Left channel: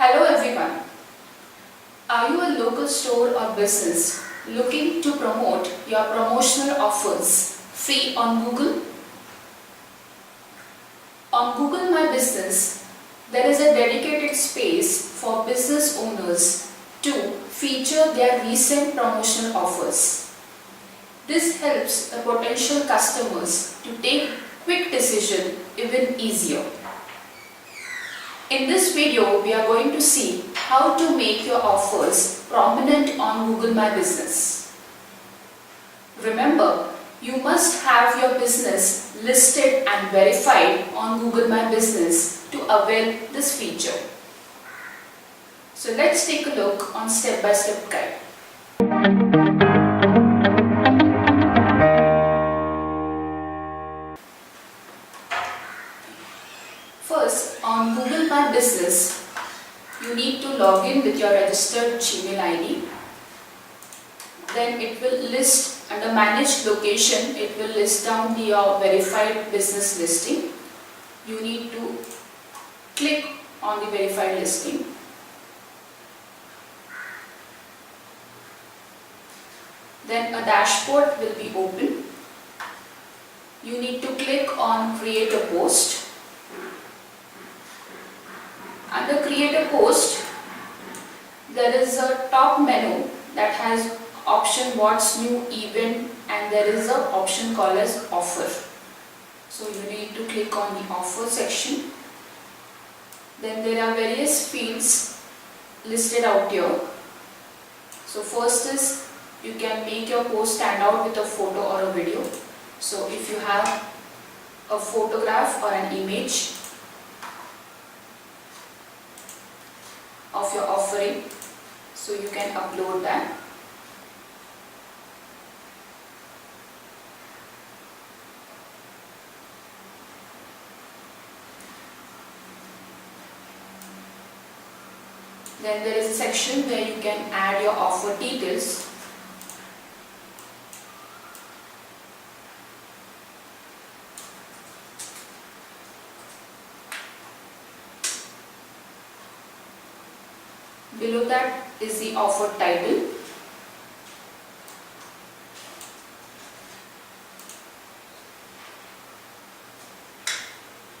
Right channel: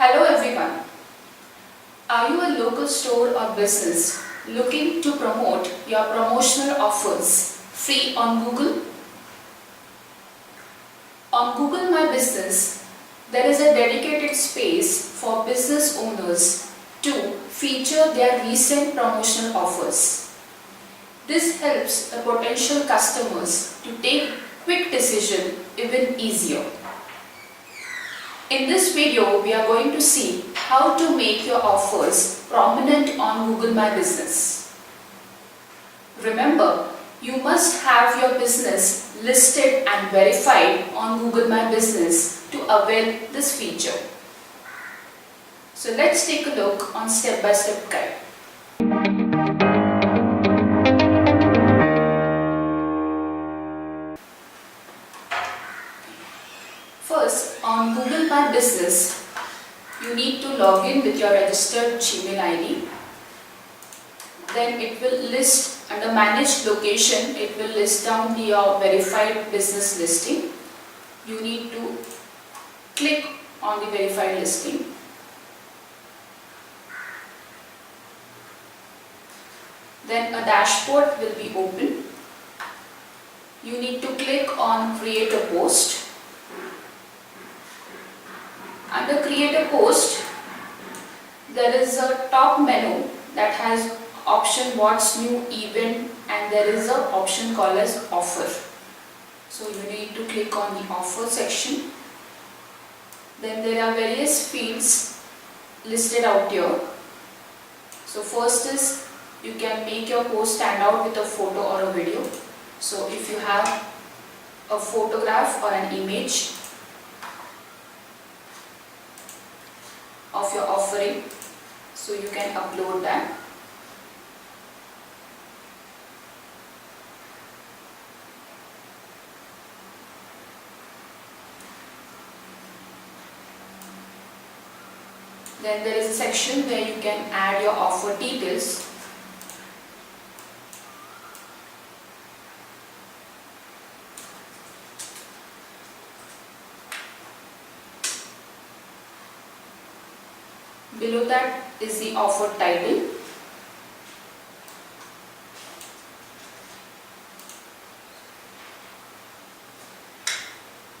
Hello everyone. Are you a local store or business looking to promote your promotional offers free on Google? On Google My Business, there is a dedicated space for business owners to feature their recent promotional offers. This helps the potential customers to take quick decision even easier. In this video, we are going to see how to make your offers prominent on Google My Business. Remember, you must have your business listed and verified on Google My Business to avail this feature. So let's take a look on step-by-step guide. First, on Google My Business, you need to log in with your registered Gmail ID. Then it will list under Manage Location, it will list down your verified business listing. You need to click on the verified listing. Then a dashboard will be open. You need to click on Create a Post. Under Create a Post, there is a top menu that has option What's New Event, and there is an option called as Offer. So you need to click on the Offer section. Then there are various fields listed out here. So first is you can make your post stand out with a photo or a video. So if you have a photograph or an image of your offering, so you can upload that. Then there is a section where you can add your offer details. Below that is the offer title.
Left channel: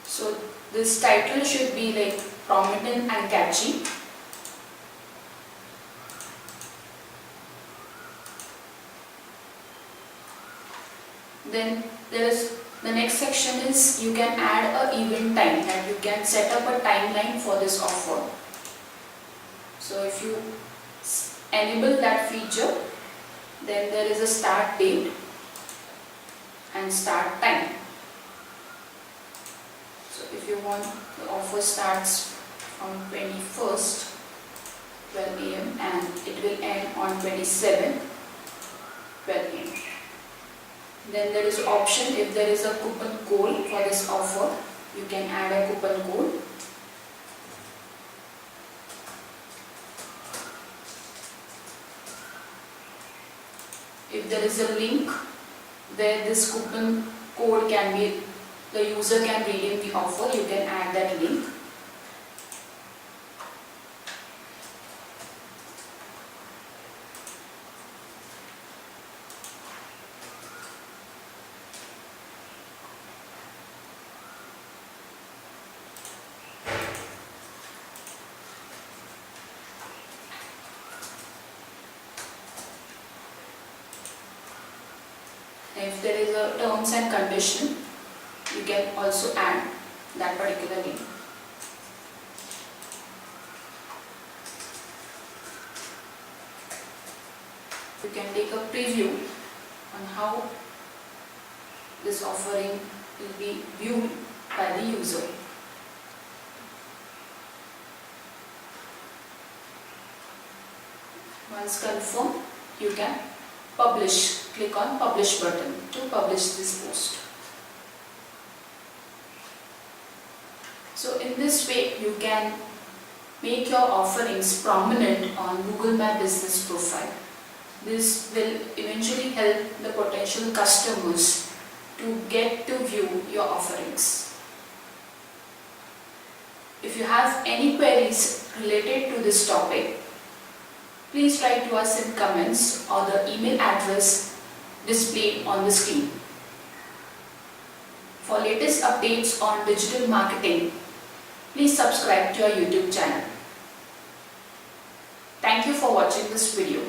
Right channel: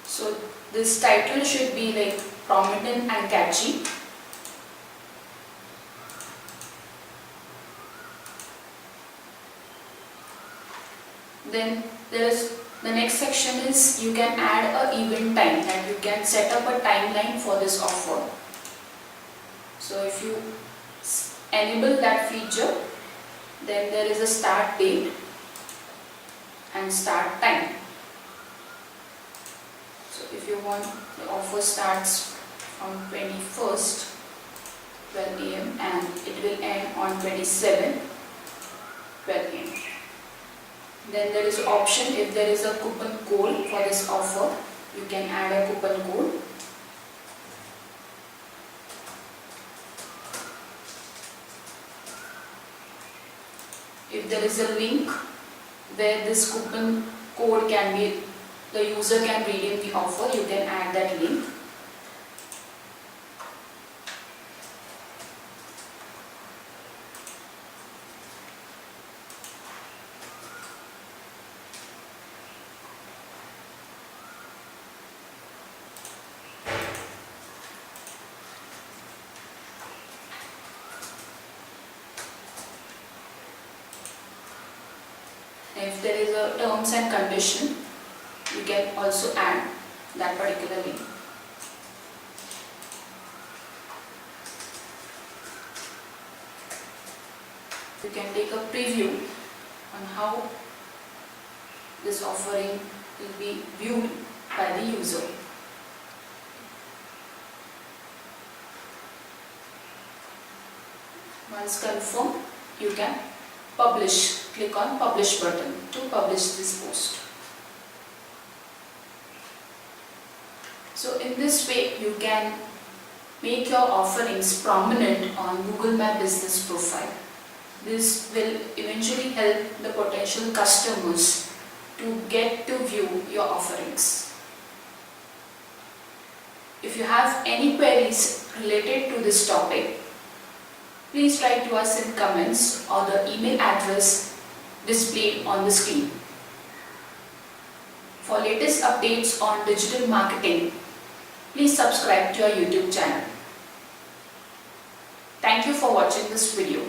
So this title should be like prominent and catchy. Then there is the next section is you can add a event time, and you can set up a timeline for this offer. So if you enable that feature, then there is a start date and start time. So if you want, the offer starts from 21st 12 AM and it will end on 27th 12 AM. Then there is an option, if there is a coupon code for this offer, you can add a coupon code. If there is a link where this coupon code can be, the user can redeem the offer, you can add that link. If there is a terms and condition, you can also add that particular link. You can take a preview on how this offering will be viewed by the user. Once confirmed, you can publish. Click on Publish button to publish this post. So in this way, you can make your offerings prominent on Google My Business profile. This will eventually help the potential customers to get to view your offerings. If you have any queries related to this topic, please write to us in comments or the email address displayed on the screen. For latest updates on digital marketing, please subscribe to our YouTube channel. Thank you for watching this video.